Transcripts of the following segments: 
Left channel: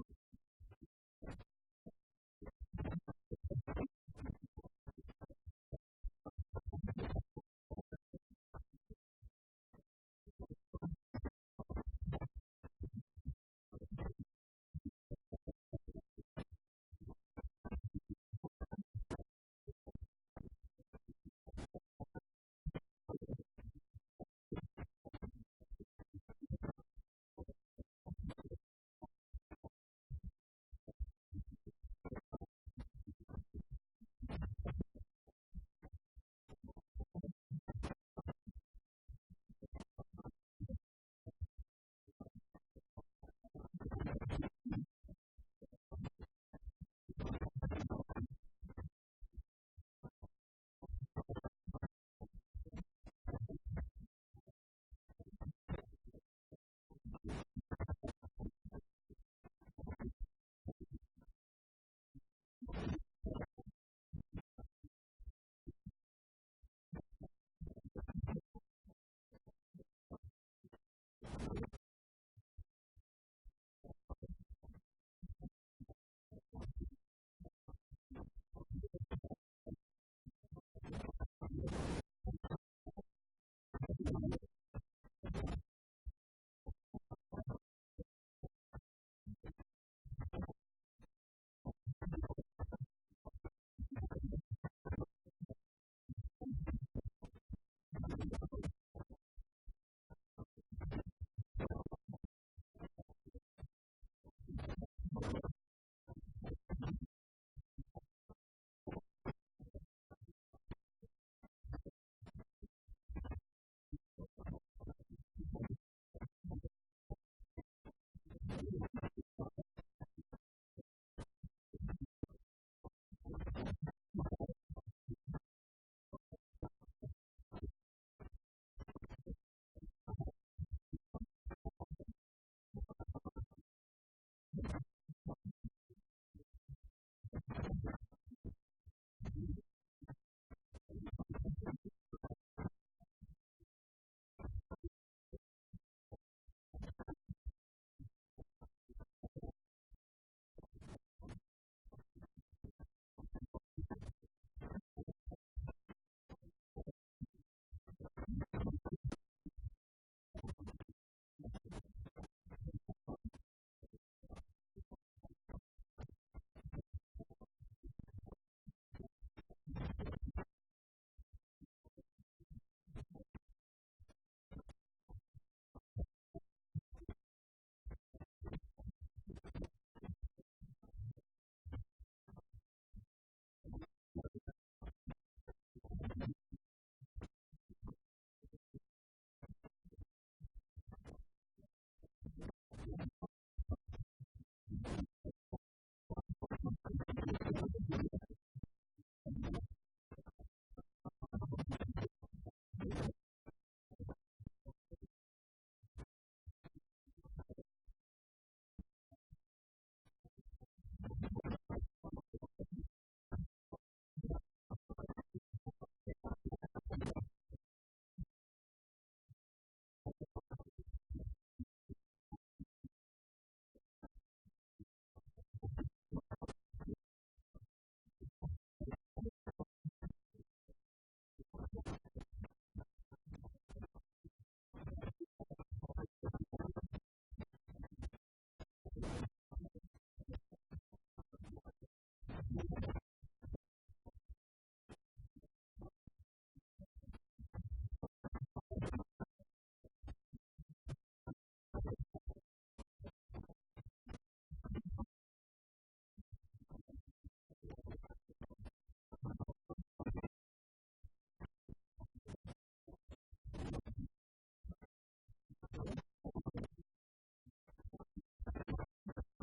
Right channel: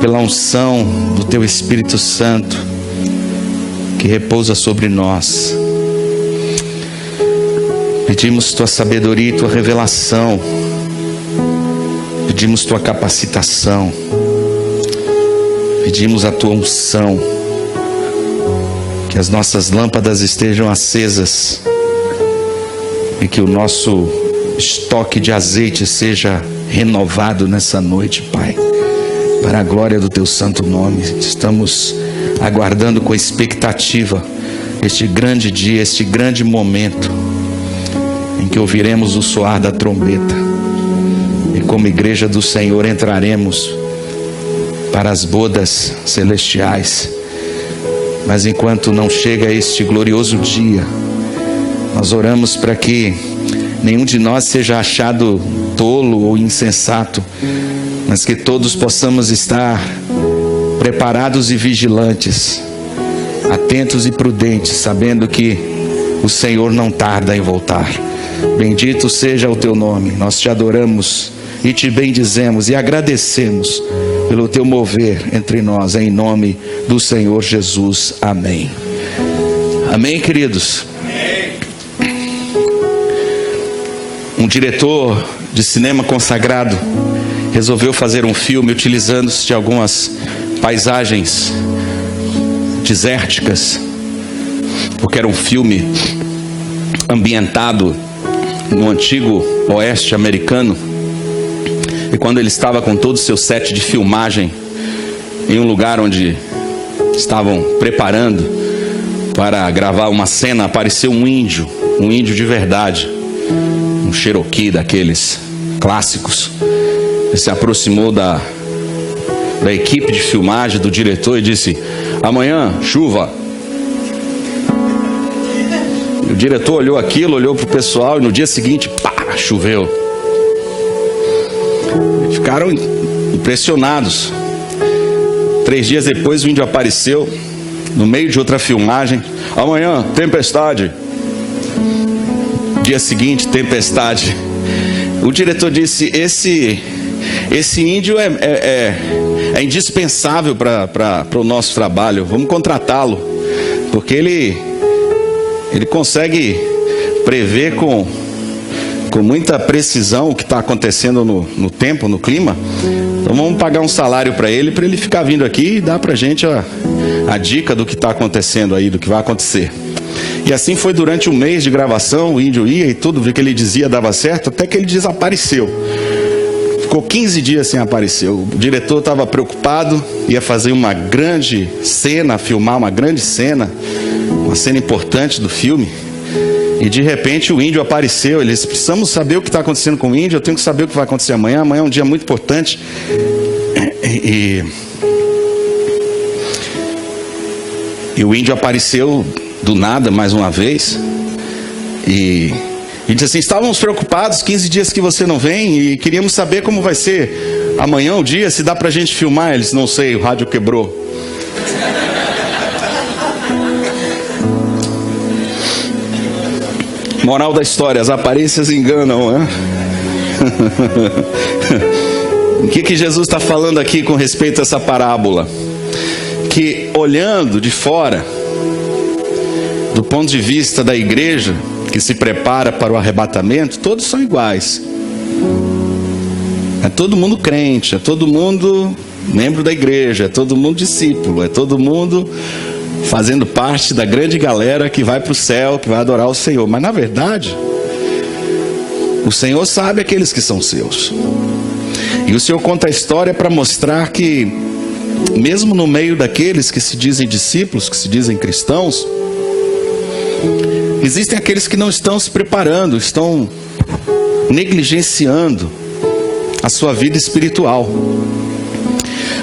pela unção do Teu Espírito Santo que repousa sobre nós. Pedimos Tua sabedoria e Tua revelação. Pedimos Tua capacitação. Pedimos a Tua unção. Que as nossas lâmpadas estejam acesas e que o nosso estoque de azeite seja renovado nessa noite, Pai, para a glória do Teu santo nome. Estamos aguardando com expectativa este grande dia, este grande momento em que ouviremos o soar da trombeta e como igreja do Senhor entraremos para as bodas celestiais. Mas enquanto não chega este glorioso dia, nós oramos para que nenhum de nós seja achado tolo ou insensato, mas que todos possamos estar preparados e vigilantes, atentos e prudentes, sabendo que o Senhor não tarda em voltar. Bendito seja o Teu nome. Nós Te adoramos e Te bendizemos e agradecemos pelo Teu mover entre nós, em nome do Senhor Jesus. Amém. Amém, queridos. Um diretor de cinema consagrado resolveu fazer um filme utilizando-se de algumas paisagens desérticas, porque era um filme ambientado no antigo oeste americano. E quando ele estava com todo o seu set de filmagem em um lugar onde estavam preparando para gravar uma cena, apareceu um índio de verdade, um Cherokee daqueles clássicos. Ele se aproximou da equipe de filmagem, do diretor, e disse: amanhã, chuva. E o diretor olhou aquilo, olhou para o pessoal, e no dia seguinte, pá, choveu. Ficaram impressionados. 3 dias depois o índio apareceu no meio de outra filmagem: amanhã, tempestade. Dia seguinte, tempestade. O diretor disse: esse índio é indispensável para o nosso trabalho, vamos contratá-lo, porque ele consegue prever com muita precisão o que está acontecendo no tempo, no clima. Então vamos pagar um salário para ele ficar vindo aqui e dar para a gente a dica do que está acontecendo aí, do que vai acontecer. E assim foi durante um mês de gravação. O índio ia e tudo o que ele dizia dava certo, até que ele desapareceu. Ficou 15 dias sem aparecer. O diretor estava preocupado, ia fazer uma grande cena, filmar uma grande cena, uma cena importante do filme. E de repente o índio apareceu. Ele disse: precisamos saber o que está acontecendo com o índio, eu tenho que saber o que vai acontecer amanhã. Amanhã é um dia muito importante. E o índio apareceu do nada mais uma vez. E disse assim: estávamos preocupados, 15 dias que você não vem, e queríamos saber como vai ser amanhã o dia, se dá pra gente filmar. Ele disse: não sei, o rádio quebrou. Moral da história: as aparências enganam, né? O que Jesus está falando aqui com respeito a essa parábola? Que olhando de fora, do ponto de vista da igreja que se prepara para o arrebatamento, todos são iguais. É todo mundo crente, é todo mundo membro da igreja, é todo mundo discípulo, é todo mundo fazendo parte da grande galera que vai para o céu, que vai adorar o Senhor. Mas na verdade, o Senhor sabe aqueles que são seus. E o Senhor conta a história para mostrar que, mesmo no meio daqueles que se dizem discípulos, que se dizem cristãos, existem aqueles que não estão se preparando, estão negligenciando a sua vida espiritual.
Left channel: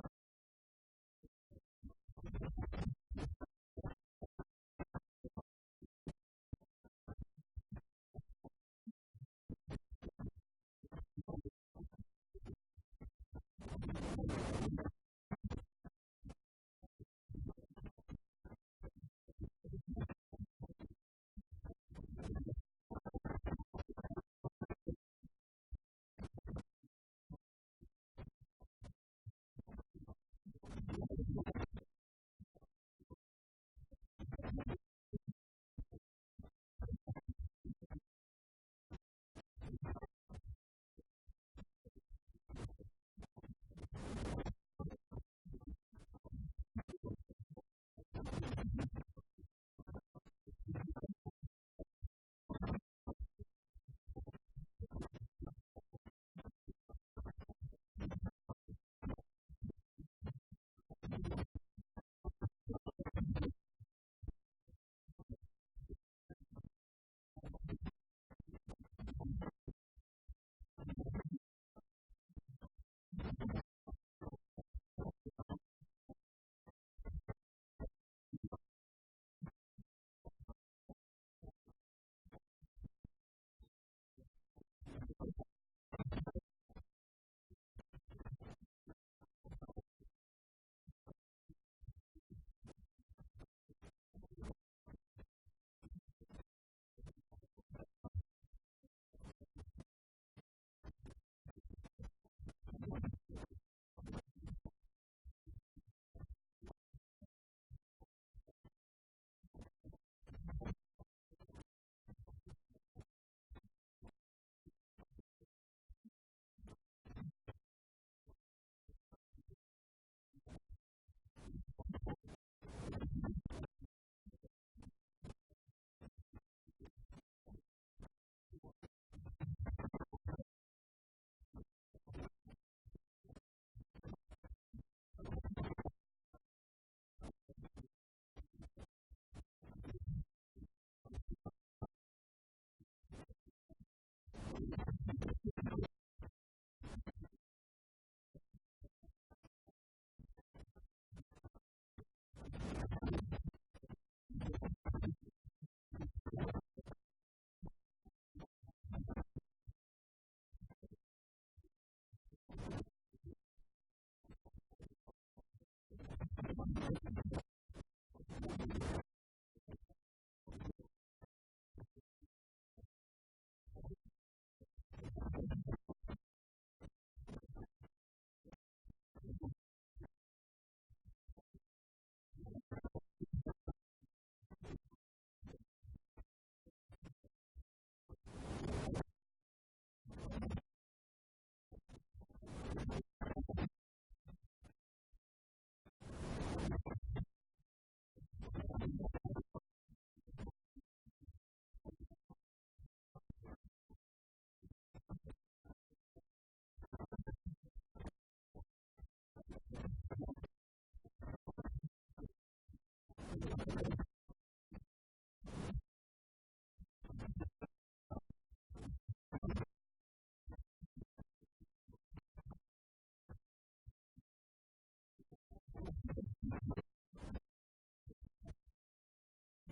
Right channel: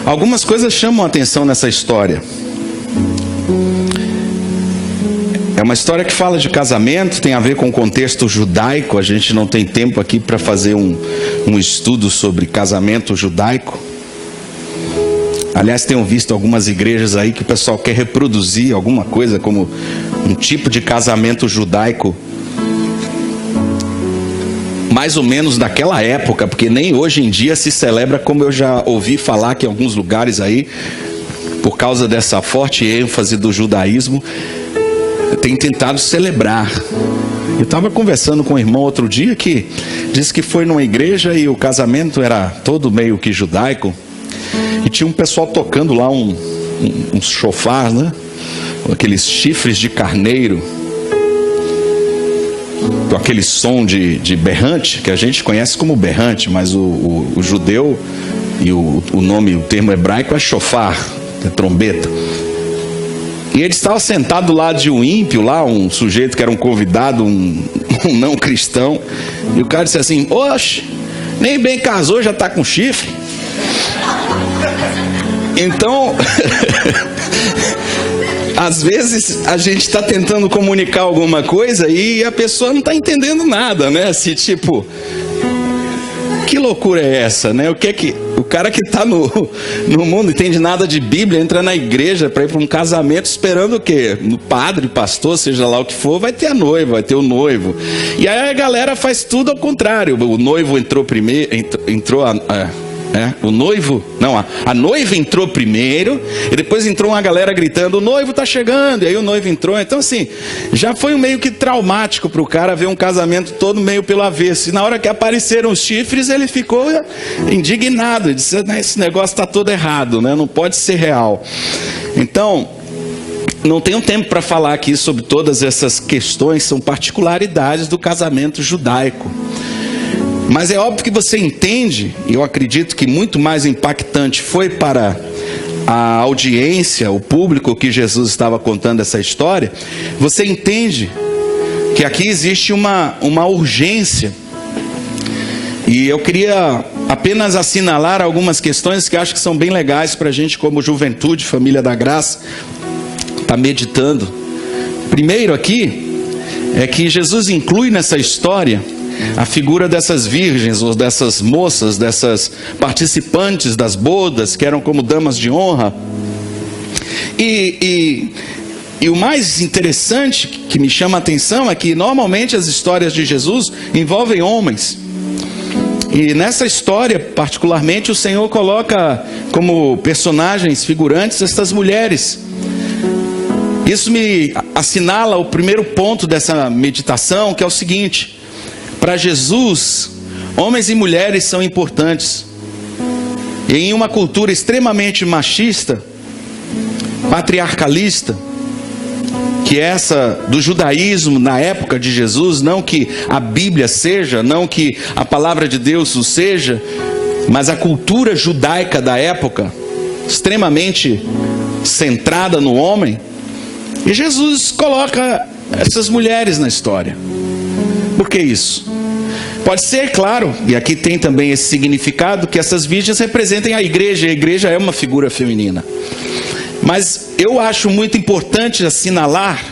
Algumas coisas chamam a atenção nessa história. É uma história que fala de casamento, tem a ver com o contexto judaico. A gente não tem tempo aqui para fazer um estudo sobre casamento judaico. Aliás, tenho visto algumas igrejas aí que o pessoal quer reproduzir alguma coisa como um tipo de casamento judaico. mais ou menos daquela época, porque nem hoje em dia se celebra, como eu já ouvi falar que em alguns lugares aí, por causa dessa forte ênfase do judaísmo, tem tentado celebrar. Eu estava conversando com um irmão outro dia que disse que foi numa igreja e o casamento era todo meio que judaico, e tinha um pessoal tocando lá um chofar, né? Aqueles chifres de carneiro, com aquele som de berrante, que a gente conhece como berrante, mas o judeu, e o termo hebraico é shofar, é trombeta. E ele estava sentado do lado de um ímpio lá, um sujeito que era um convidado, um não cristão, e o cara disse assim: oxe, nem bem casou, já está com chifre. Então, às vezes a gente está tentando comunicar alguma coisa e a pessoa não está entendendo nada, né? Assim, tipo, que loucura é essa, né? O cara que está no mundo, não entende nada de Bíblia, entra na igreja para ir para um casamento esperando o quê? No padre, pastor, seja lá o que for, vai ter a noiva, vai ter o noivo. E aí a galera faz tudo ao contrário. O noivo entrou primeiro, a noiva entrou primeiro, e depois entrou uma galera gritando: o noivo está chegando, e aí o noivo entrou. Então assim, já foi meio que traumático para o cara ver um casamento todo meio pelo avesso, e na hora que apareceram os chifres, ele ficou indignado, ele disse: esse negócio está todo errado, né? Não pode ser real. Então, não tenho tempo para falar aqui sobre todas essas questões, são particularidades do casamento judaico. Mas é óbvio que você entende, e eu acredito que muito mais impactante foi para a audiência, o público que Jesus estava contando essa história, você entende que aqui existe uma urgência. E eu queria apenas assinalar algumas questões que acho que são bem legais para a gente, como juventude, família da graça, estar meditando. Primeiro aqui, é que Jesus inclui nessa história a figura dessas virgens, ou dessas moças, dessas participantes das bodas, que eram como damas de honra. E o mais interessante que me chama a atenção é que normalmente as histórias de Jesus envolvem homens. E nessa história, particularmente, o Senhor coloca como personagens figurantes estas mulheres. Isso me assinala o primeiro ponto dessa meditação, que é o seguinte: para Jesus, homens e mulheres são importantes. E em uma cultura extremamente machista, patriarcalista, que é essa do judaísmo na época de Jesus, não que a Bíblia seja, não que a palavra de Deus o seja, mas a cultura judaica da época, extremamente centrada no homem, e Jesus coloca essas mulheres na história. Por que isso? Pode ser, claro, e aqui tem também esse significado, que essas virgens representem a igreja é uma figura feminina. Mas eu acho muito importante assinalar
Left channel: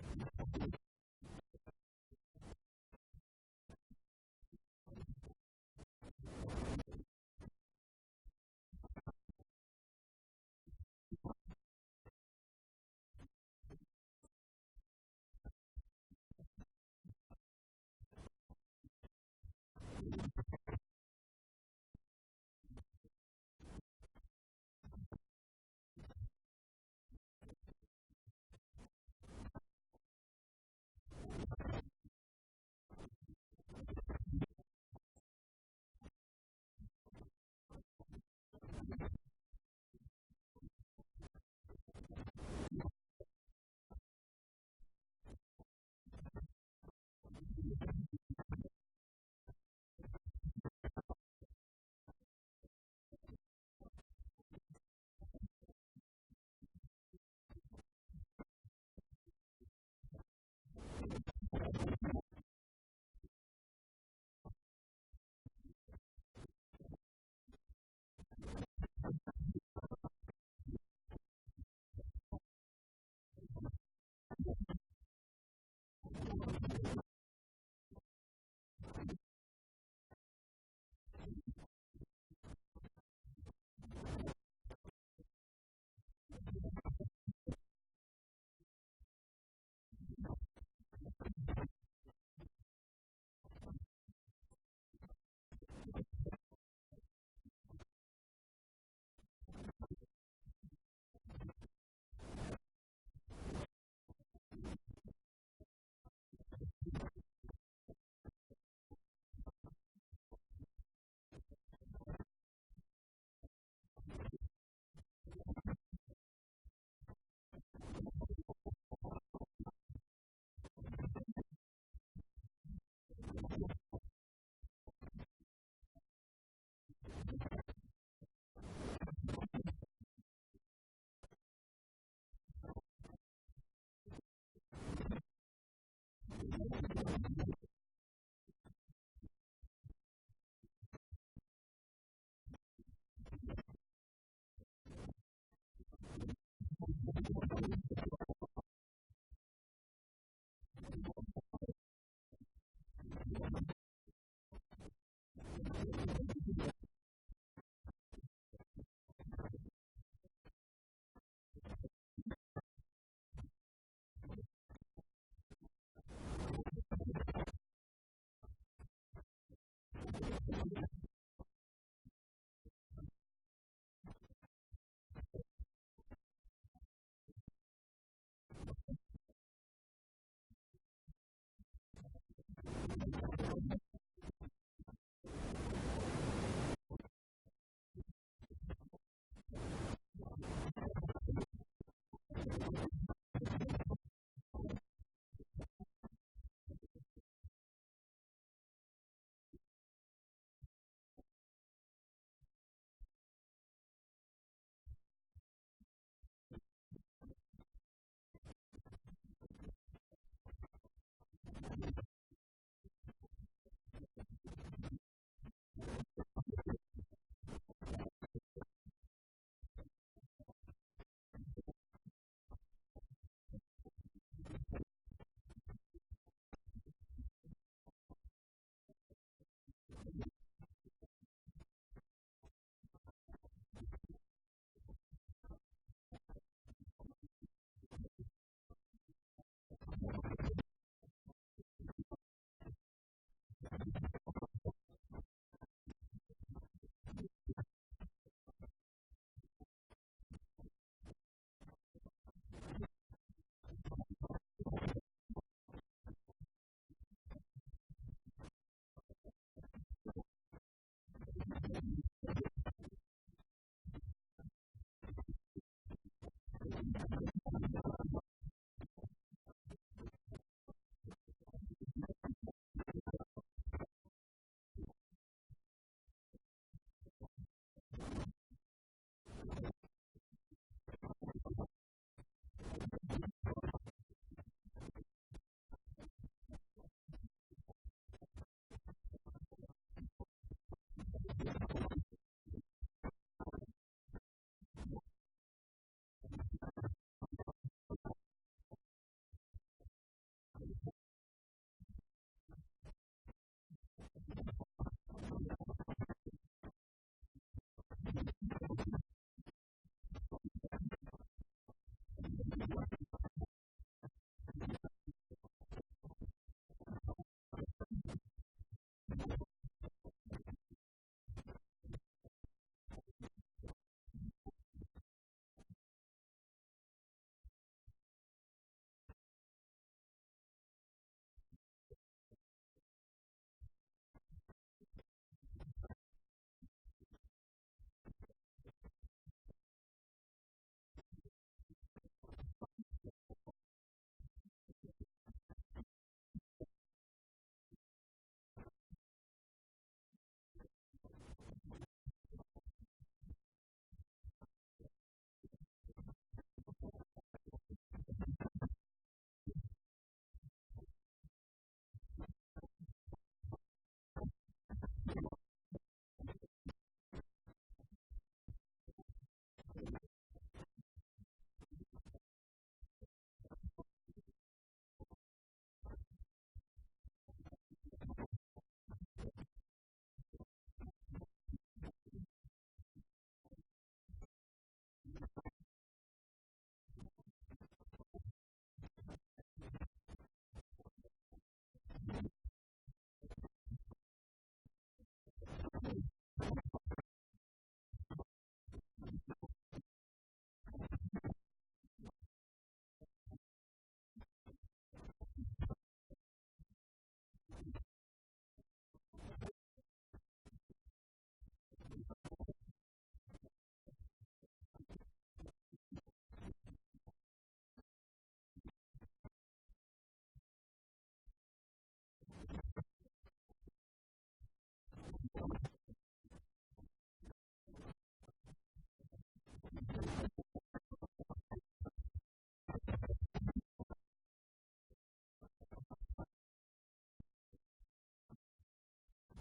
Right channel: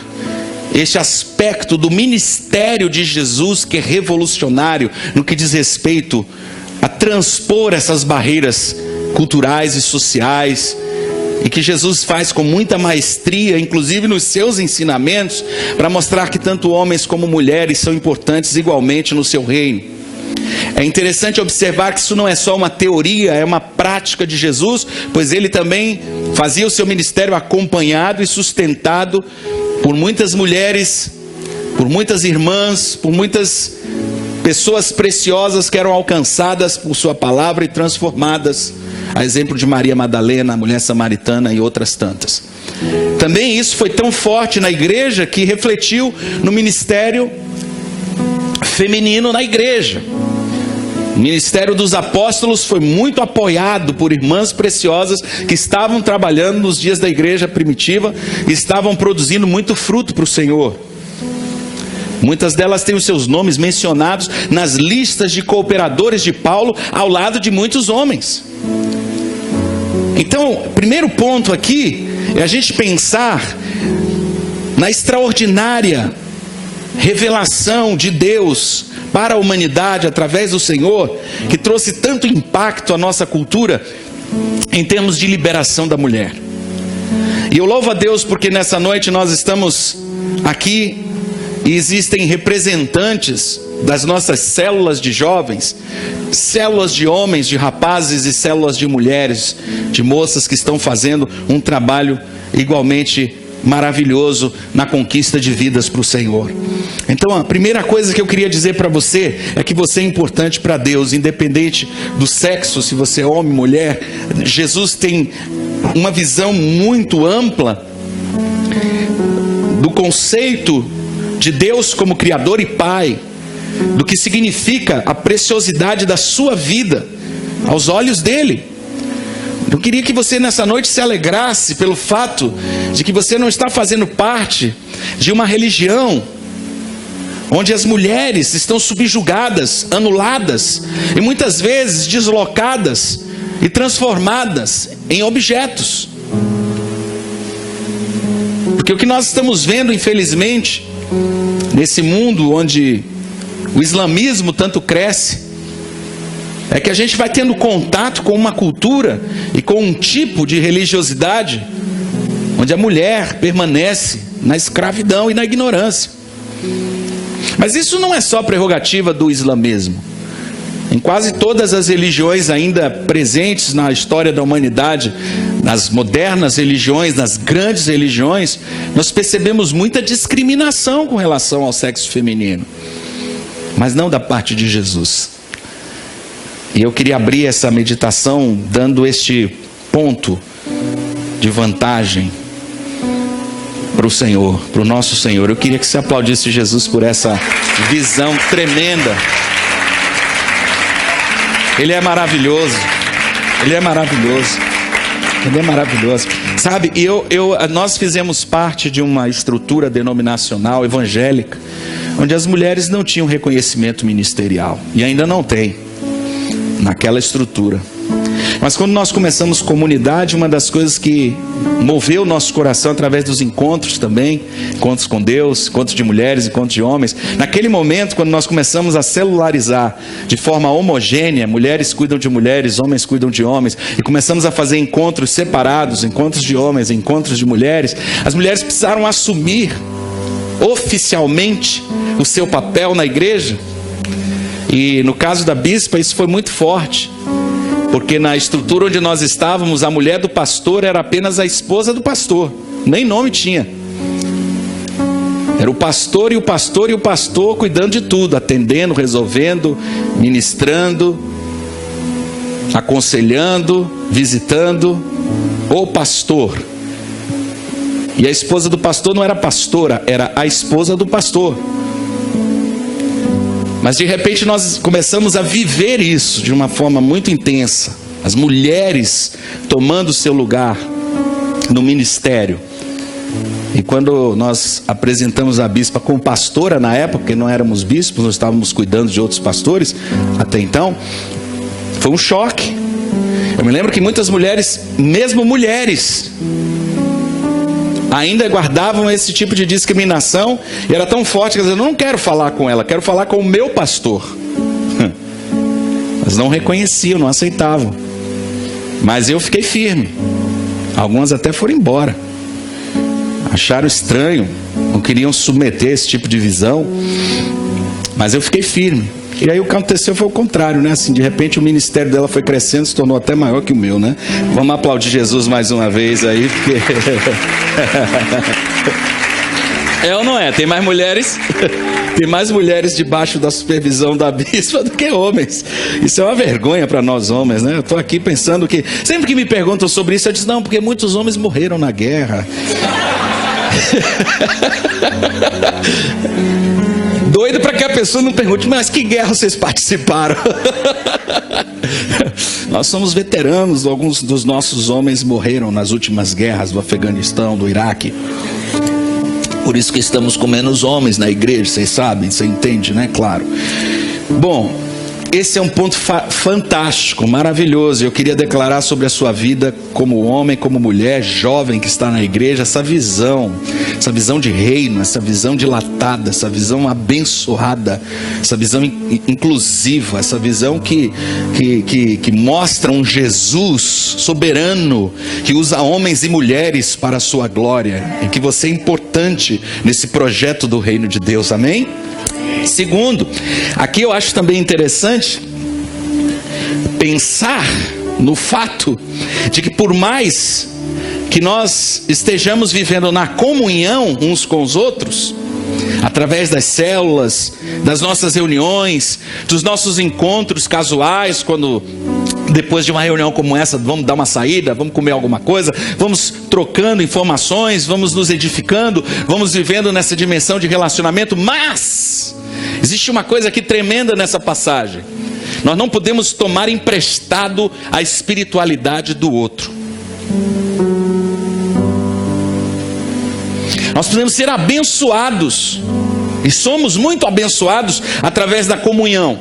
este aspecto do ministério de Jesus, que é revolucionário no que diz respeito a transpor essas barreiras culturais e sociais, e que Jesus faz com muita maestria, inclusive nos seus ensinamentos, para mostrar que tanto homens como mulheres são importantes igualmente no seu reino. É interessante observar que isso não é só uma teoria, é uma prática de Jesus, pois ele também fazia o seu ministério acompanhado e sustentado por muitas mulheres, por muitas irmãs, por muitas pessoas preciosas que eram alcançadas por sua palavra e transformadas, a exemplo de Maria Madalena, a mulher samaritana e outras tantas. Também isso foi tão forte na igreja que refletiu no ministério feminino na igreja. O ministério dos apóstolos foi muito apoiado por irmãs preciosas que estavam trabalhando nos dias da igreja primitiva e estavam produzindo muito fruto para o Senhor. Muitas delas têm os seus nomes mencionados nas listas de cooperadores de Paulo, ao lado de muitos homens. Então, o primeiro ponto aqui é a gente pensar na extraordinária revelação de Deus para a humanidade através do Senhor, que trouxe tanto impacto à nossa cultura em termos de liberação da mulher. E eu louvo a Deus porque nessa noite nós estamos aqui e existem representantes das nossas células de jovens, células de homens, de rapazes e células de mulheres, de moças que estão fazendo um trabalho igualmente maravilhoso na conquista de vidas para o Senhor. Então a primeira coisa que eu queria dizer para você é que você é importante para Deus, independente do sexo, se você é homem, mulher. Jesus tem uma visão muito ampla do conceito de Deus como Criador e Pai, do que significa a preciosidade da sua vida aos olhos dele. Eu queria que você nessa noite se alegrasse pelo fato de que você não está fazendo parte de uma religião onde as mulheres estão subjugadas, anuladas e muitas vezes deslocadas e transformadas em objetos. Porque o que nós estamos vendo, infelizmente, nesse mundo onde o islamismo tanto cresce, é que a gente vai tendo contato com uma cultura e com um tipo de religiosidade onde a mulher permanece na escravidão e na ignorância. Mas isso não é só prerrogativa do islamismo. Em quase todas as religiões ainda presentes na história da humanidade, nas modernas religiões, nas grandes religiões, nós percebemos muita discriminação com relação ao sexo feminino, mas não da parte de Jesus. E eu queria abrir essa meditação dando este ponto de vantagem para o Senhor, para o nosso Senhor. Eu queria que você aplaudisse Jesus por essa visão tremenda. Ele é maravilhoso. Ele é maravilhoso. Ele é maravilhoso. Sabe, nós fizemos parte de uma estrutura denominacional evangélica, onde as mulheres não tinham reconhecimento ministerial. E ainda não tem, naquela estrutura. Mas quando nós começamos comunidade, uma das coisas que moveu o nosso coração através dos encontros também, encontros com Deus, encontros de mulheres, encontros de homens, naquele momento quando nós começamos a celularizar de forma homogênea, mulheres cuidam de mulheres, homens cuidam de homens, e começamos a fazer encontros separados, encontros de homens, encontros de mulheres, as mulheres precisaram assumir oficialmente o seu papel na igreja. E no caso da bispa isso foi muito forte, porque na estrutura onde nós estávamos, a mulher do pastor era apenas a esposa do pastor, nem nome tinha. Era o pastor e o pastor e o pastor cuidando de tudo, atendendo, resolvendo, ministrando, aconselhando, visitando, o pastor. E a esposa do pastor não era pastora, era a esposa do pastor. Mas de repente nós começamos a viver isso de uma forma muito intensa. As mulheres tomando seu lugar no ministério. E quando nós apresentamos a bispa como pastora na época, porque não éramos bispos, nós estávamos cuidando de outros pastores até então, foi um choque. Eu me lembro que muitas mulheres, mesmo mulheres, ainda guardavam esse tipo de discriminação, e era tão forte que eu não quero falar com ela, quero falar com o meu pastor. Mas não reconheciam, não aceitavam. Mas eu fiquei firme. Algumas até foram embora, acharam estranho, não queriam submeter esse tipo de visão, mas eu fiquei firme. E aí o que aconteceu foi o contrário, né? Assim, de repente o ministério dela foi crescendo, se tornou até maior que o meu, né? Vamos aplaudir Jesus mais uma vez aí, porque... É ou não é? Tem mais mulheres... Tem mais mulheres debaixo da supervisão da bispa do que homens. Isso é uma vergonha para nós homens, né? Eu estou aqui pensando que... Sempre que me perguntam sobre isso, eu digo, não, porque muitos homens morreram na guerra. Doido para que a pessoa não pergunte, mas que guerra vocês participaram? Nós somos veteranos, alguns dos nossos homens morreram nas últimas guerras do Afeganistão, do Iraque. Por isso que estamos com menos homens na igreja, vocês sabem, você entende, né? Claro. Bom, esse é um ponto fantástico, maravilhoso. Eu queria declarar sobre a sua vida como homem, como mulher, jovem que está na igreja, essa visão de reino, essa visão dilatada, essa visão abençoada, essa visão inclusiva, essa visão que mostra um Jesus soberano, que usa homens e mulheres para a sua glória, e que você é importante nesse projeto do reino de Deus, amém? Segundo, aqui eu acho também interessante pensar no fato de que por mais que nós estejamos vivendo na comunhão uns com os outros, através das células, das nossas reuniões, dos nossos encontros casuais, quando depois de uma reunião como essa, vamos dar uma saída, vamos comer alguma coisa, vamos trocando informações, vamos nos edificando, vamos vivendo nessa dimensão de relacionamento, mas existe uma coisa aqui tremenda nessa passagem: nós não podemos tomar emprestado a espiritualidade do outro. Nós podemos ser abençoados, e somos muito abençoados através da comunhão.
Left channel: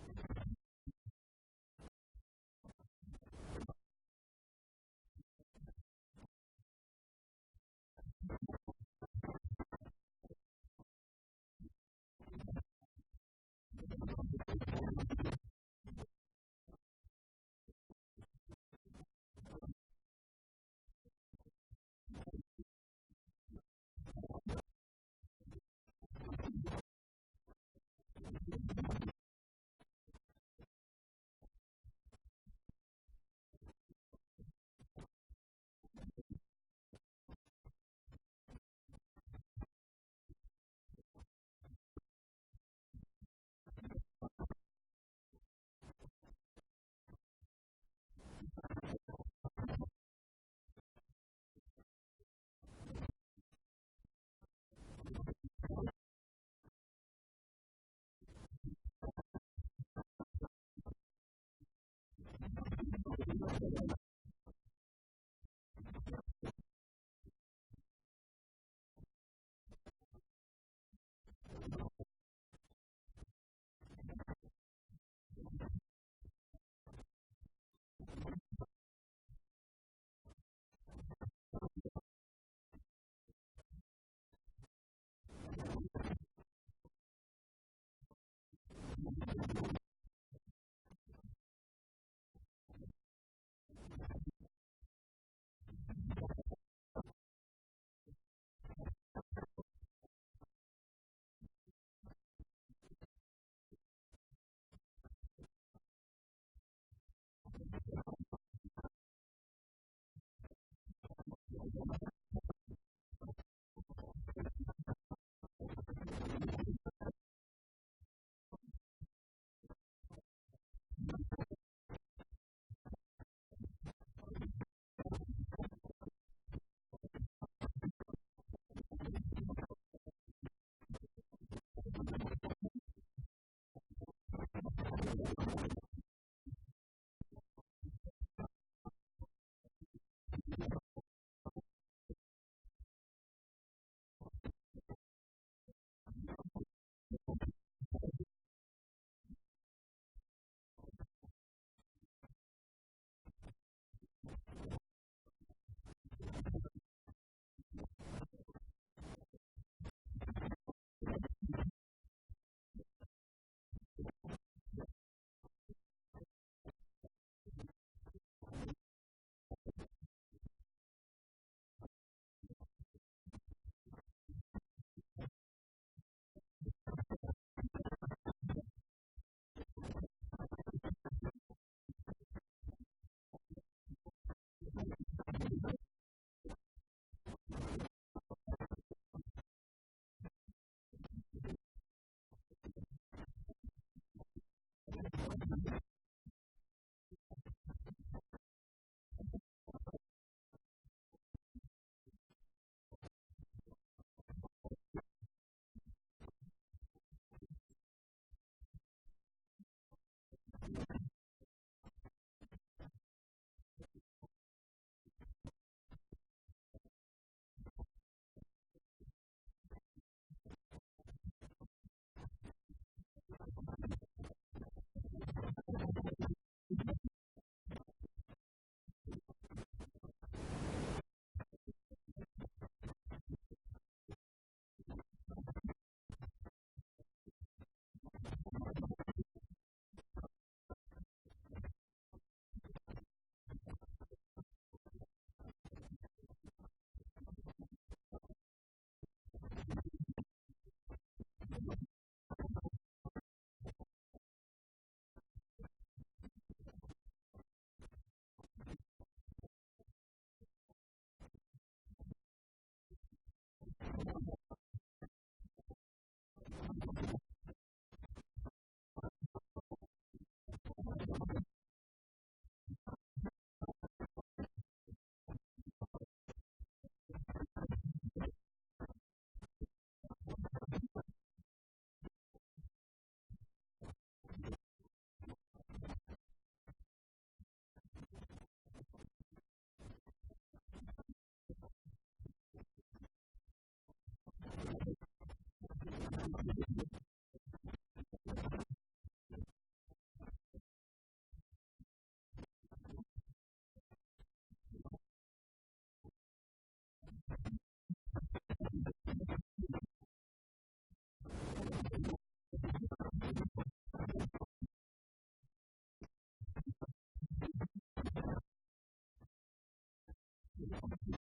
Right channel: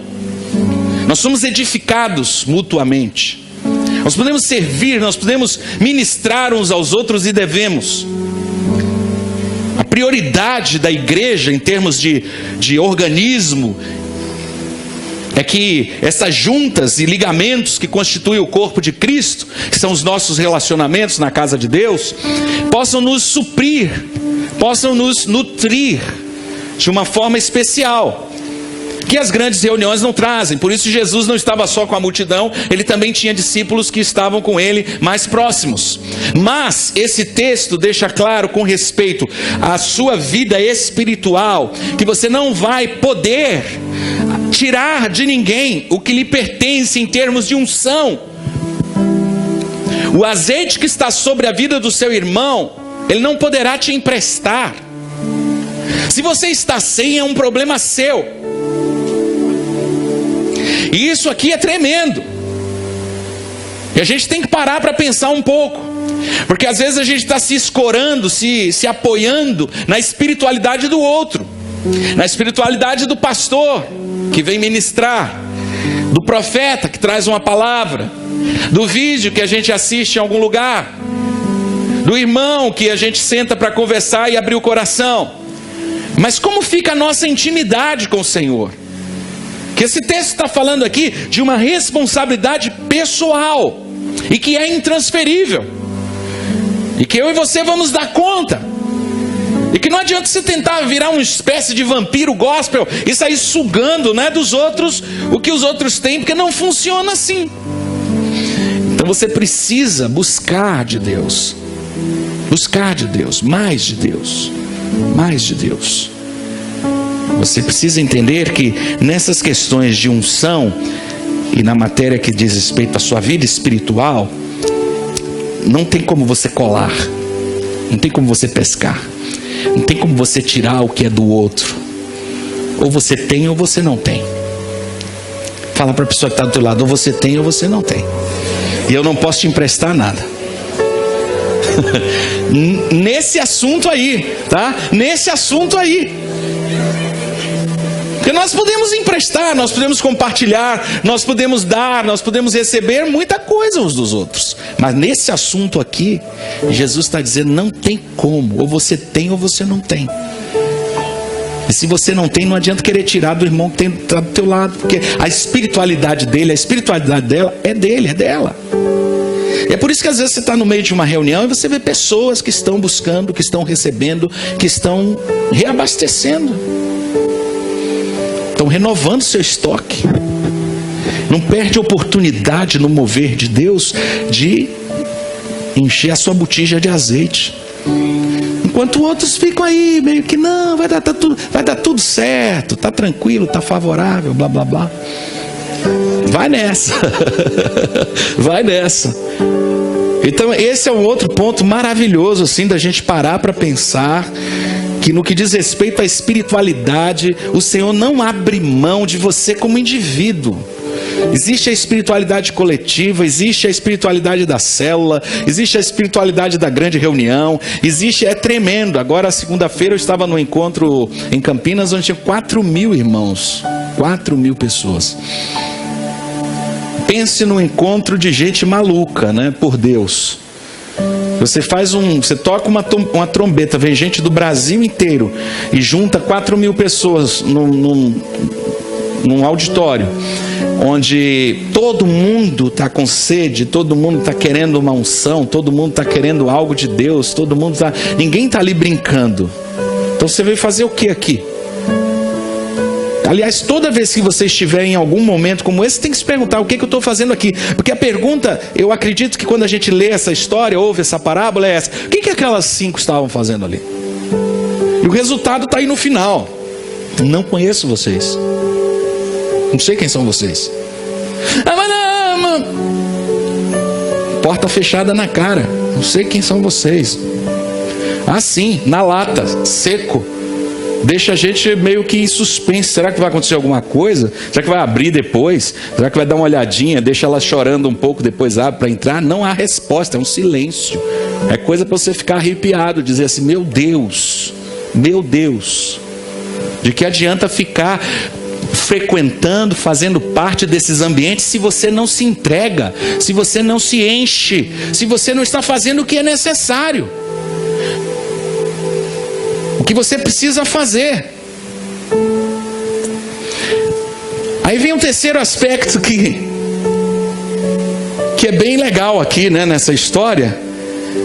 Nós somos edificados mutuamente. Nós podemos servir, nós podemos ministrar uns aos outros e devemos. A prioridade da igreja em termos de organismo é que essas juntas e ligamentos que constituem o corpo de Cristo, que são os nossos relacionamentos na casa de Deus, possam nos suprir, possam nos nutrir de uma forma especial, que as grandes reuniões não trazem. Por isso Jesus não estava só com a multidão, ele também tinha discípulos que estavam com ele mais próximos. Mas esse texto deixa claro, com respeito à sua vida espiritual, que você não vai poder tirar de ninguém o que lhe pertence em termos de unção. O azeite que está sobre a vida do seu irmão, ele não poderá te emprestar. Se você está sem, é um problema seu. E isso aqui é tremendo. E a gente tem que parar para pensar um pouco, porque às vezes a gente está se escorando, se apoiando na espiritualidade do outro, na espiritualidade do pastor que vem ministrar, do profeta que traz uma palavra, do vídeo que a gente assiste em algum lugar, do irmão que a gente senta para conversar e abrir o coração. Mas como fica a nossa intimidade com o Senhor? Que esse texto está falando aqui de uma responsabilidade pessoal, e que é intransferível, e que eu e você vamos dar conta, e que não adianta você tentar virar uma espécie de vampiro gospel e sair sugando, né, dos outros o que os outros têm, porque não funciona assim. Então você precisa buscar de Deus, mais de Deus, mais de Deus. Você precisa entender que nessas questões de unção e na matéria que diz respeito à sua vida espiritual, não tem como você colar, não tem como você pescar, não tem como você tirar o que é do outro. Ou você tem ou você não tem. Fala para a pessoa que está do teu lado: ou você tem ou você não tem. E eu não posso te emprestar nada. Nesse assunto aí, tá? Nesse assunto aí. Porque nós podemos emprestar, nós podemos compartilhar, nós podemos dar, nós podemos receber muita coisa uns dos outros. Mas nesse assunto aqui, Jesus está dizendo: não tem como, ou você tem ou você não tem. E se você não tem, não adianta querer tirar do irmão que está do teu lado, porque a espiritualidade dele, a espiritualidade dela é dele, é dela. E é por isso que às vezes você está no meio de uma reunião e você vê pessoas que estão buscando, que estão recebendo, que estão reabastecendo, estão renovando seu estoque. Não perde oportunidade no mover de Deus de encher a sua botija de azeite, enquanto outros ficam aí meio que não, vai dar tudo certo, está tranquilo, está favorável, blá blá blá. Vai nessa. Vai nessa. Então esse é um outro ponto maravilhoso assim da gente parar para pensar, que no que diz respeito à espiritualidade, o Senhor não abre mão de você como indivíduo. Existe a espiritualidade coletiva, existe a espiritualidade da célula, existe a espiritualidade da grande reunião, é tremendo. Agora, segunda-feira, eu estava no encontro em Campinas, onde tinha 4.000 irmãos, 4.000 pessoas. Pense no encontro de gente maluca, né, por Deus. Você toca uma trombeta, vem gente do Brasil inteiro e junta 4.000 pessoas num auditório, onde todo mundo está com sede, todo mundo está querendo uma unção, todo mundo está querendo algo de Deus, ninguém está ali brincando. Então você veio fazer o que aqui? Aliás, toda vez que você estiver em algum momento como esse, tem que se perguntar: o que eu estou fazendo aqui? Porque a pergunta, eu acredito que quando a gente lê essa história, ouve essa parábola, é essa: o que aquelas 5 estavam fazendo ali? E o resultado está aí no final. Não conheço vocês, não sei quem são vocês. Porta fechada na cara, não sei quem são vocês. Assim, na lata, seco. Deixa a gente meio que em suspense. Será que vai acontecer alguma coisa? Será que vai abrir depois? Será que vai dar uma olhadinha? Deixa ela chorando um pouco, depois abre para entrar? Não há resposta, é um silêncio. É coisa para você ficar arrepiado, dizer assim: meu Deus, de que adianta ficar frequentando, fazendo parte desses ambientes, se você não se entrega, se você não se enche, se você não está fazendo o que é necessário, o que você precisa fazer. Aí vem um terceiro aspecto que é bem legal aqui, né, nessa história,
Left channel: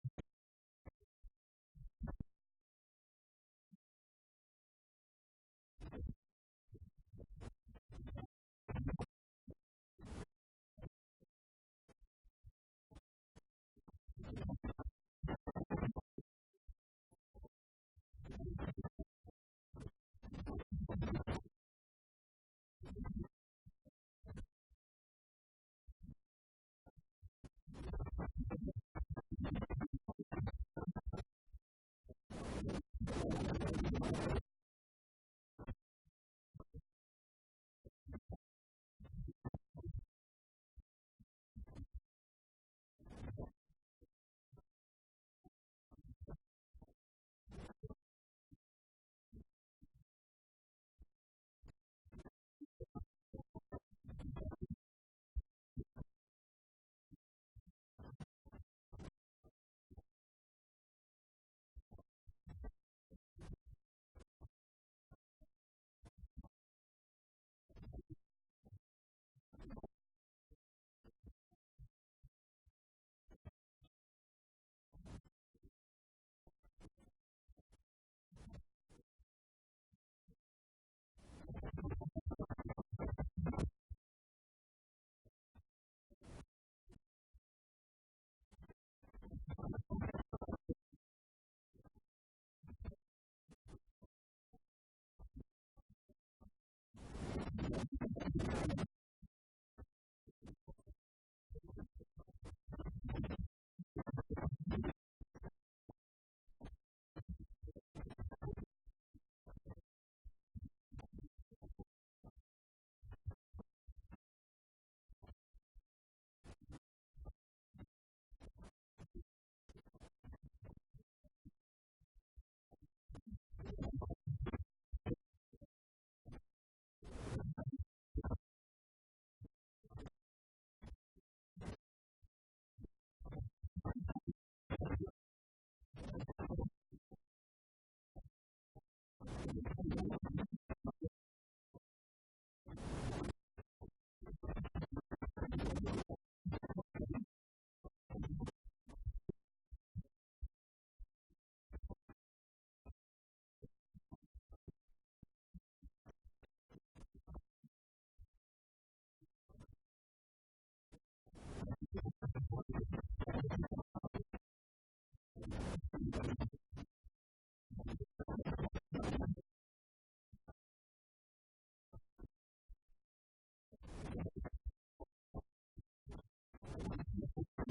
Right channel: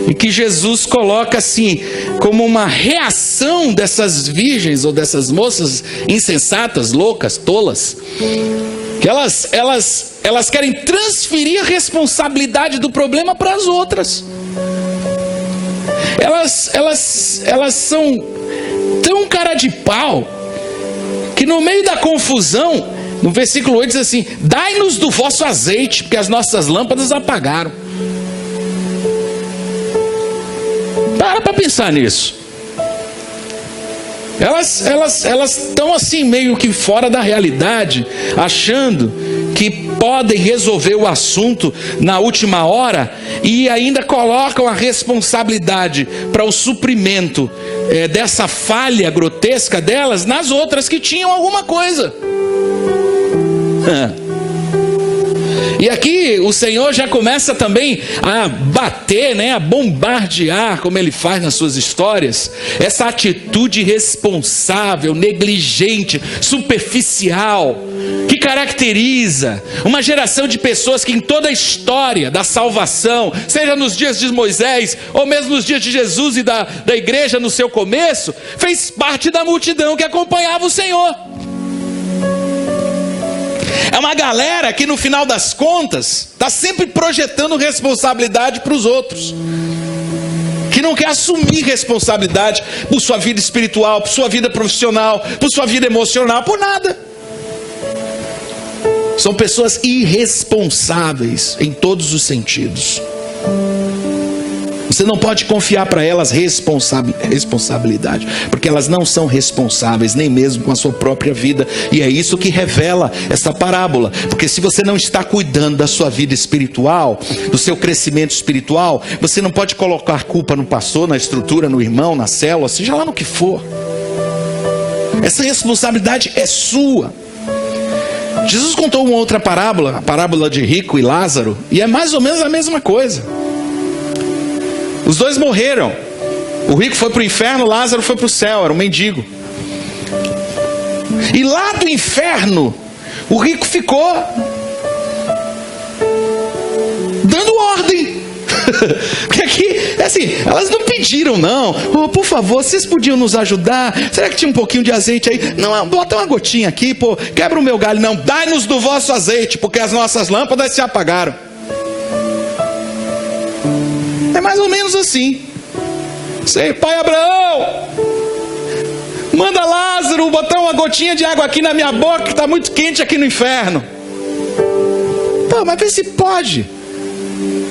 e que Jesus coloca assim, como uma reação dessas virgens ou dessas moças insensatas, loucas, tolas, que elas querem transferir a responsabilidade do problema para as outras. Elas são tão cara de pau, que no meio da confusão, no versículo 8 diz assim: dai-nos do vosso azeite, porque as nossas lâmpadas apagaram. Para pensar nisso. Elas estão assim meio que fora da realidade, achando que podem resolver o assunto na última hora, e ainda colocam a responsabilidade para o suprimento dessa falha grotesca delas nas outras que tinham alguma coisa. E aqui o Senhor já começa também a bater, né, a bombardear, como Ele faz nas suas histórias, essa atitude irresponsável, negligente, superficial, que caracteriza uma geração de pessoas que em toda a história da salvação, seja nos dias de Moisés, ou mesmo nos dias de Jesus e da igreja no seu começo, fez parte da multidão que acompanhava o Senhor. É uma galera que no final das contas está sempre projetando responsabilidade para os outros, que não quer assumir responsabilidade por sua vida espiritual, por sua vida profissional, por sua vida emocional, por nada. São pessoas irresponsáveis em todos os sentidos. Você não pode confiar para elas responsabilidade, porque elas não são responsáveis nem mesmo com a sua própria vida. E é isso que revela essa parábola. Porque se você não está cuidando da sua vida espiritual, do seu crescimento espiritual, você não pode colocar culpa no pastor, na estrutura, no irmão, na célula, seja lá no que for. Essa responsabilidade é sua. Jesus contou uma outra parábola, a parábola de rico e Lázaro, e é mais ou menos a mesma coisa. Os dois morreram. O rico foi para o inferno, Lázaro foi para o céu, era um mendigo. E lá do inferno, o rico ficou dando ordem. Porque aqui, assim, elas não pediram não: oh, por favor, vocês podiam nos ajudar? Será que tinha um pouquinho de azeite aí? Não, bota uma gotinha aqui, pô, quebra o meu galho. Não, dai-nos do vosso azeite, porque as nossas lâmpadas se apagaram. É mais ou menos assim. Sei, pai Abraão, manda Lázaro botar uma gotinha de água aqui na minha boca, que está muito quente aqui no inferno. Pô, mas vê se pode.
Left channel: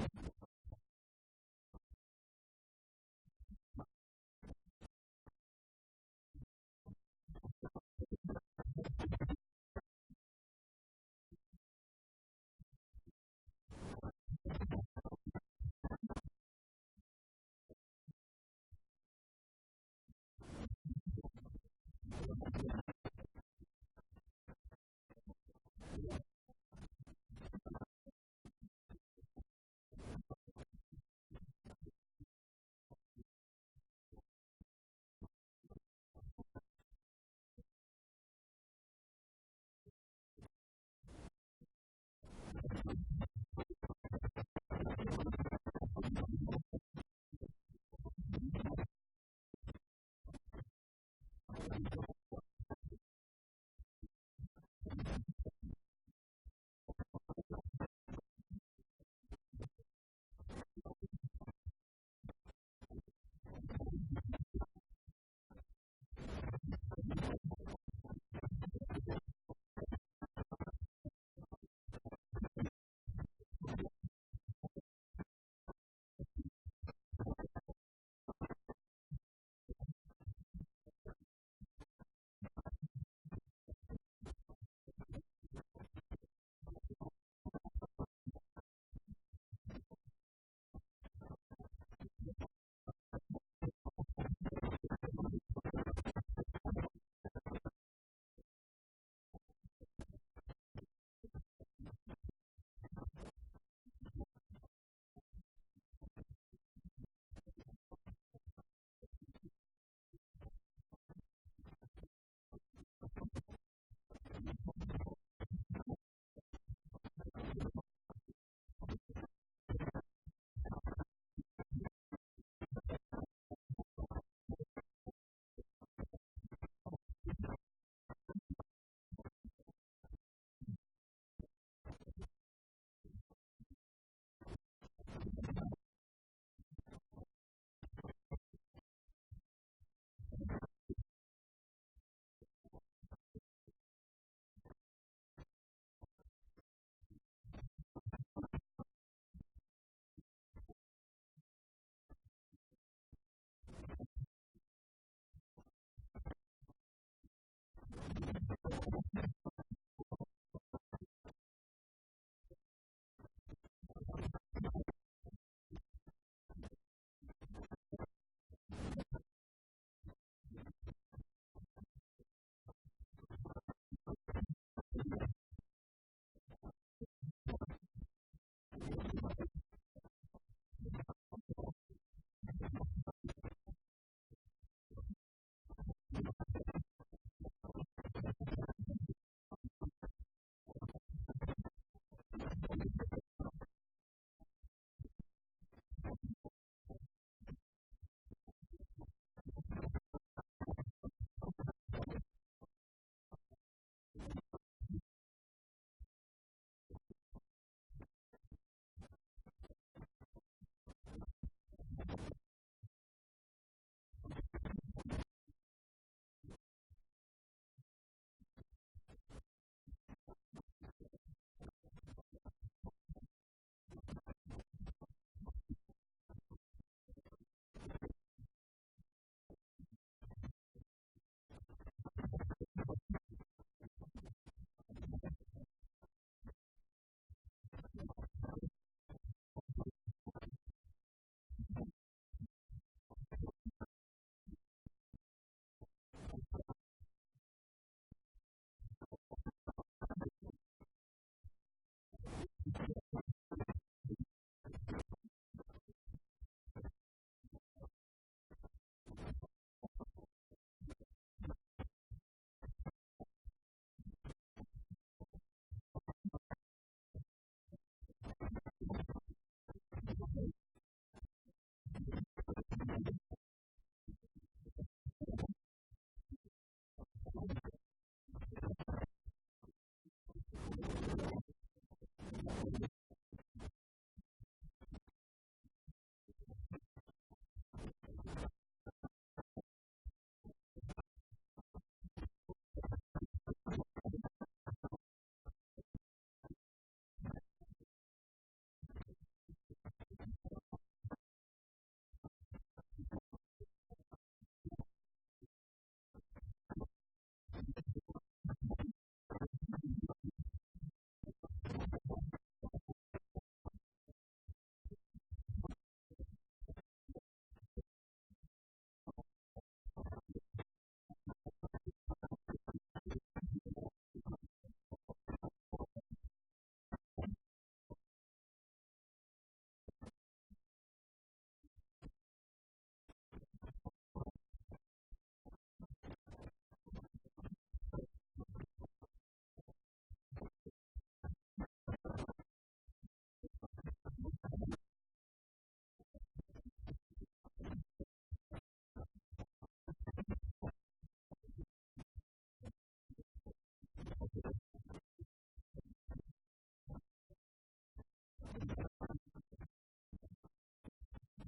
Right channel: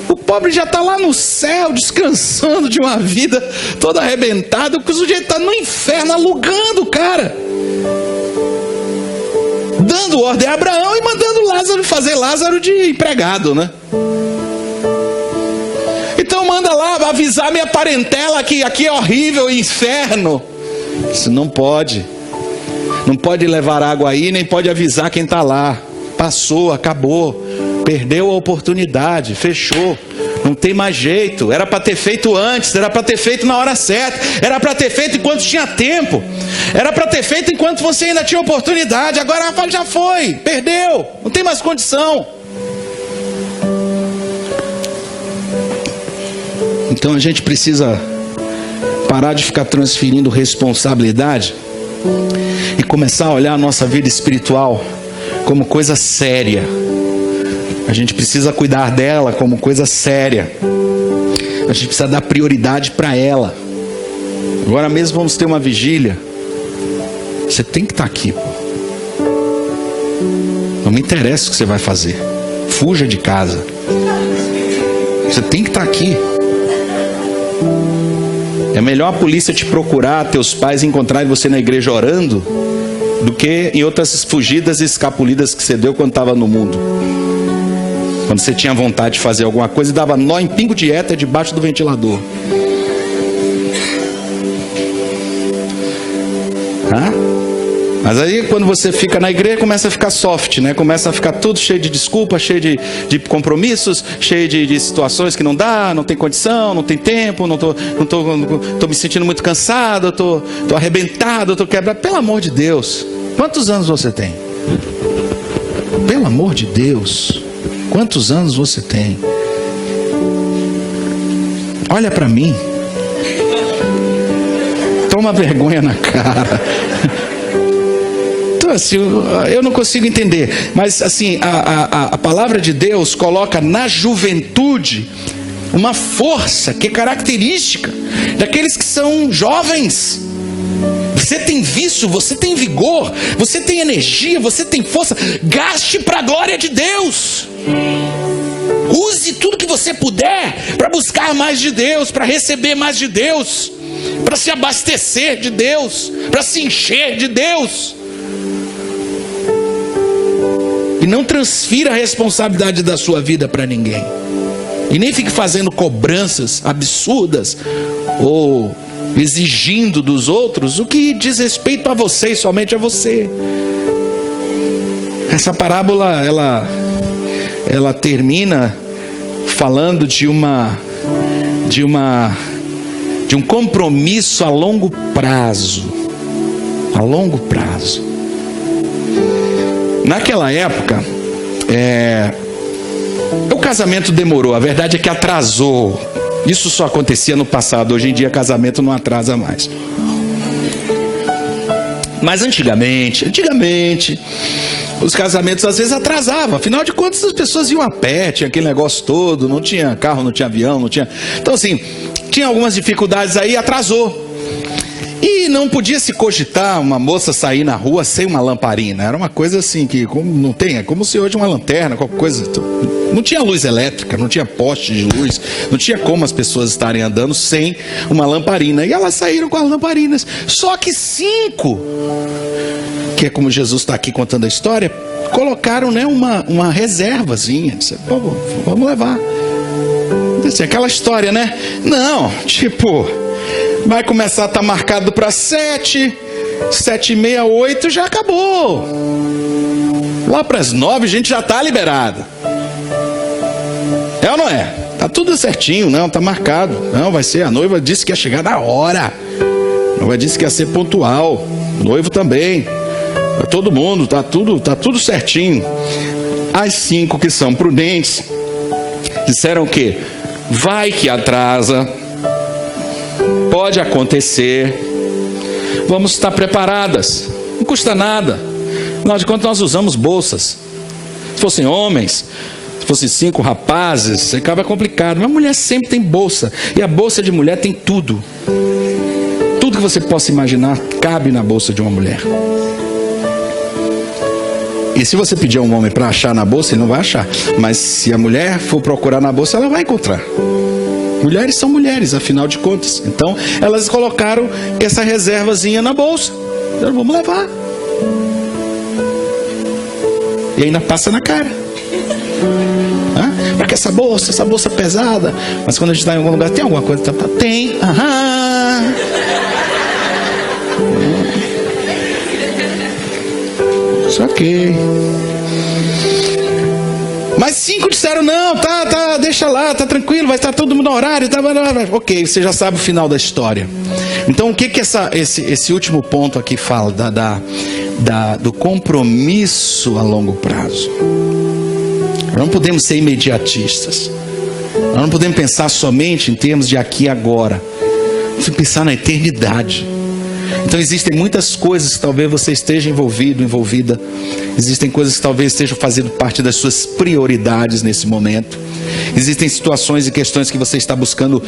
O pobre já está lá no céu, descansando de uma vida toda arrebentada, porque o sujeito está no inferno, alugando o cara, dando ordem a Abraão e mandando Lázaro fazer Lázaro de empregado, né? Então manda lá avisar minha parentela que aqui é horrível, inferno. Isso não pode. Não pode levar água aí, nem pode avisar quem está lá. Passou, acabou. Perdeu a oportunidade, fechou. Não tem mais jeito. Era para ter feito antes, era para ter feito na hora certa, era para ter feito enquanto tinha tempo, era para ter feito enquanto você ainda tinha oportunidade. Agora já foi, perdeu, não tem mais condição. Então a gente precisa parar de ficar transferindo responsabilidade e começar a olhar a nossa vida espiritual como coisa séria. A gente precisa cuidar dela como coisa séria. A gente precisa dar prioridade para ela. Agora mesmo vamos ter uma vigília. Você tem que estar aqui, pô. Não me interessa o que você vai fazer. Fuja de casa. Você tem que estar aqui. É melhor a polícia te procurar, teus pais encontrarem você na igreja orando, do que em outras fugidas e escapulidas que você deu quando estava no mundo. Quando você tinha vontade de fazer alguma coisa e dava nó em pingo de éter debaixo do ventilador. Mas aí quando você fica na igreja começa a ficar soft, né? Começa a ficar tudo cheio de desculpas, cheio de compromissos, cheio de situações que não dá, não tem condição, não tem tempo, não tô me sentindo muito cansado, tô arrebentado, tô quebrado. Pelo amor de Deus, quantos anos você tem? Pelo amor de Deus, quantos anos você tem? Olha para mim. Toma vergonha na cara. Então, assim, eu não consigo entender. Mas, assim, a palavra de Deus coloca na juventude uma força que é característica daqueles que são jovens. Você tem vício, você tem vigor, você tem energia, você tem força. Gaste para a glória de Deus. Use tudo que você puder para buscar mais de Deus, para receber mais de Deus, para se abastecer de Deus, para se encher de Deus. E não transfira a responsabilidade da sua vida para ninguém. E nem fique fazendo cobranças absurdas ou exigindo dos outros o que diz respeito a você e somente a você. Essa parábola, ela termina falando de um compromisso a longo prazo. A longo prazo. Naquela época, o casamento demorou, a verdade é que atrasou. Isso só acontecia no passado, hoje em dia casamento não atrasa mais. Mas antigamente, os casamentos às vezes atrasavam. Afinal de contas, as pessoas iam a pé, tinha aquele negócio todo, não tinha carro, não tinha avião, não tinha... Então assim, tinha algumas dificuldades aí, atrasou. E não podia se cogitar uma moça sair na rua sem uma lamparina. Era uma coisa assim que não tem, é como se hoje uma lanterna, qualquer coisa. Não tinha luz elétrica, não tinha poste de luz, não tinha como as pessoas estarem andando sem uma lamparina. E elas saíram com as lamparinas. Só que 5, que é como Jesus está aqui contando a história, colocaram, né, uma reservazinha. Disse, vamos levar. Assim, aquela história, né? Não, tipo... Vai começar a estar marcado para 7, 7h30, 8, já acabou. Lá para as 9 a gente já está liberado. É ou não é? Tá tudo certinho, não, tá marcado. Não, vai ser, a noiva disse que ia chegar na hora. A noiva disse que ia ser pontual. O noivo também. Pra todo mundo, tá tudo certinho. As 5 que são prudentes disseram o quê? Vai que atrasa. Pode acontecer. Vamos estar preparadas. Não custa nada. Afinal de contas, nós usamos bolsas. Se fossem homens, se fossem 5 rapazes, ficava complicado. Mas a mulher sempre tem bolsa. E a bolsa de mulher tem tudo. Tudo que você possa imaginar cabe na bolsa de uma mulher. E se você pedir a um homem para achar na bolsa, ele não vai achar. Mas se a mulher for procurar na bolsa, ela vai encontrar. Mulheres são mulheres, afinal de contas. Então, elas colocaram essa reservazinha na bolsa. Então, vamos levar. E ainda passa na cara. Para que essa bolsa pesada? Mas quando a gente está em algum lugar, tem alguma coisa? Tem. Aham. Isso ok. Mas 5 disseram, não, tá, deixa lá, tá tranquilo, vai estar todo mundo no horário, tá. Ok, você já sabe o final da história. Então, o que esse último ponto aqui fala? Do compromisso a longo prazo. Nós não podemos ser imediatistas. Nós não podemos pensar somente em termos de aqui e agora. Nós temos que pensar na eternidade. Então existem muitas coisas que talvez você esteja envolvido, envolvida. Existem coisas que talvez estejam fazendo parte das suas prioridades nesse momento. Existem situações e questões que você está buscando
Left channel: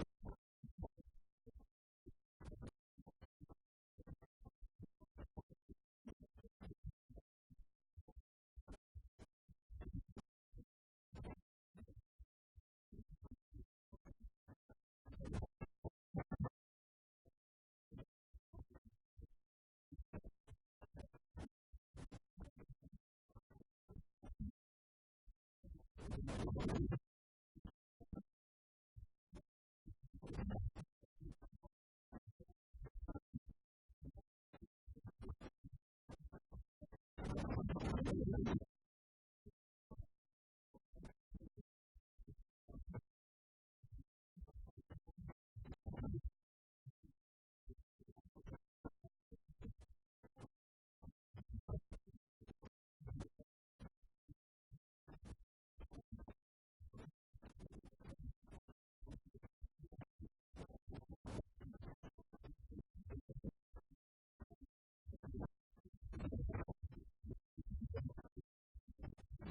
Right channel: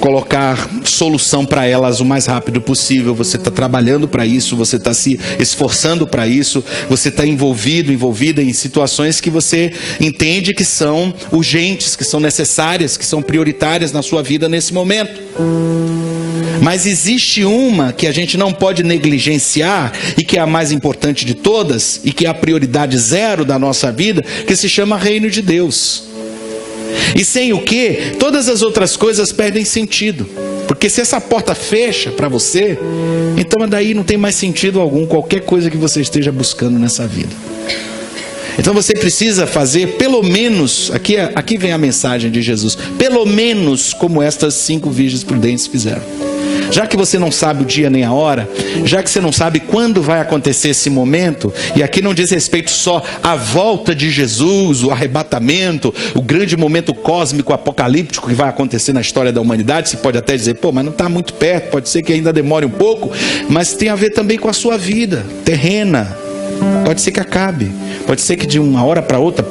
colocar solução para elas o mais rápido possível. Você está trabalhando para isso, você está se esforçando para isso, você está envolvida em situações que você entende que são urgentes, que são necessárias, que são prioritárias na sua vida nesse momento. Mas existe uma que a gente não pode negligenciar e que é a mais importante de todas e que é a prioridade zero da nossa vida, que se chama Reino de Deus. E sem o que, todas as outras coisas perdem sentido. Porque se essa porta fecha para você, então daí não tem mais sentido algum qualquer coisa que você esteja buscando nessa vida. Então você precisa fazer pelo menos, aqui vem a mensagem de Jesus, pelo menos como estas 5 virgens prudentes fizeram. Já que você não sabe o dia nem a hora, já que você não sabe quando vai acontecer esse momento, e aqui não diz respeito só à volta de Jesus, o arrebatamento, o grande momento cósmico, apocalíptico que vai acontecer na história da humanidade. Você pode até dizer, mas não está muito perto, pode ser que ainda demore um pouco, mas tem a ver também com a sua vida terrena. Pode ser que acabe, pode ser que de uma hora para outra,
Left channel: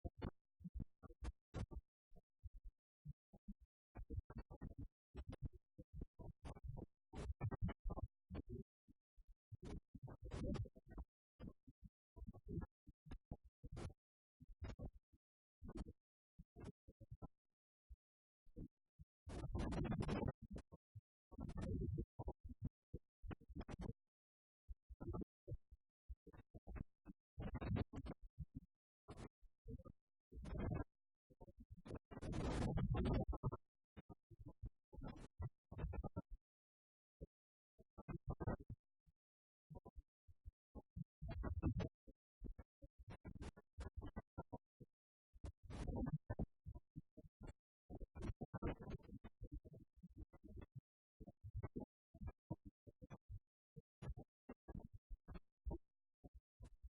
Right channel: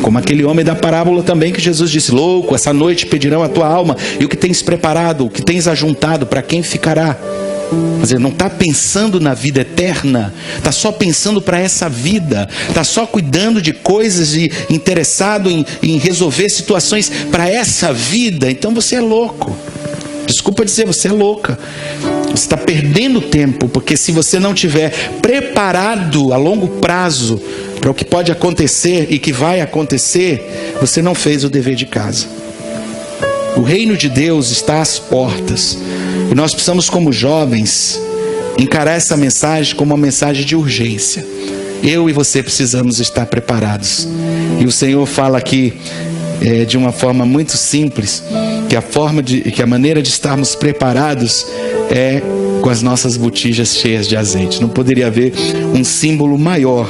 como aquele homem da parábola também que Jesus disse, louco, essa noite pedirão a tua alma, e o que tens preparado, o que tens ajuntado, para quem ficará? Quer dizer, não está pensando na vida eterna, está só pensando para essa vida, está só cuidando de coisas e interessado em resolver situações para essa vida. Então você é louco, desculpa dizer, você é louca. Você está perdendo tempo, porque se você não tiver preparado a longo prazo para o que pode acontecer e que vai acontecer, você não fez o dever de casa. O reino de Deus está às portas, e nós precisamos, como jovens, encarar essa mensagem como uma mensagem de urgência. Eu e você precisamos estar preparados, e o Senhor fala aqui de uma forma muito simples, que a maneira de estarmos preparados é com as nossas botijas cheias de azeite. Não poderia haver um símbolo maior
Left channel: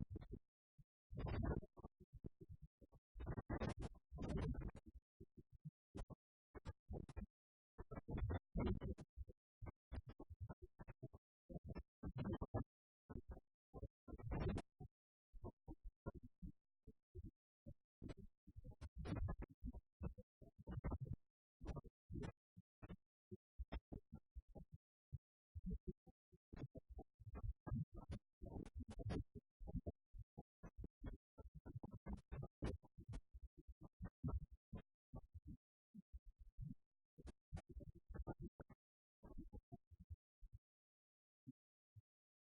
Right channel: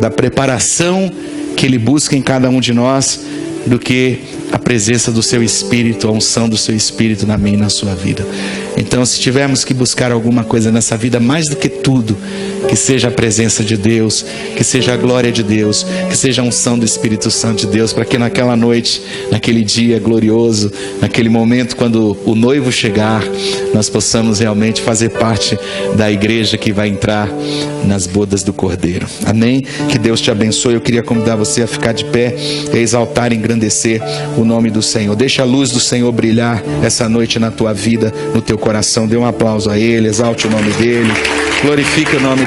da preparação que Ele busca em cada um de nós do que a presença do seu Espírito, a unção do seu Espírito na minha e na sua vida. Então, se tivermos que buscar alguma coisa nessa vida, mais do que tudo, que seja a presença de Deus, que seja a glória de Deus, que seja a unção do Espírito Santo de Deus, para que naquela noite, naquele dia glorioso, naquele momento quando o noivo chegar, nós possamos realmente fazer parte da igreja que vai entrar nas bodas do Cordeiro. Amém? Que Deus te abençoe. Eu queria convidar você a ficar de pé e exaltar e engrandecer o nome do Senhor. Deixa a luz do Senhor brilhar essa noite na tua vida, no teu coração. Dê um aplauso a Ele, exalte o nome dEle, glorifique o nome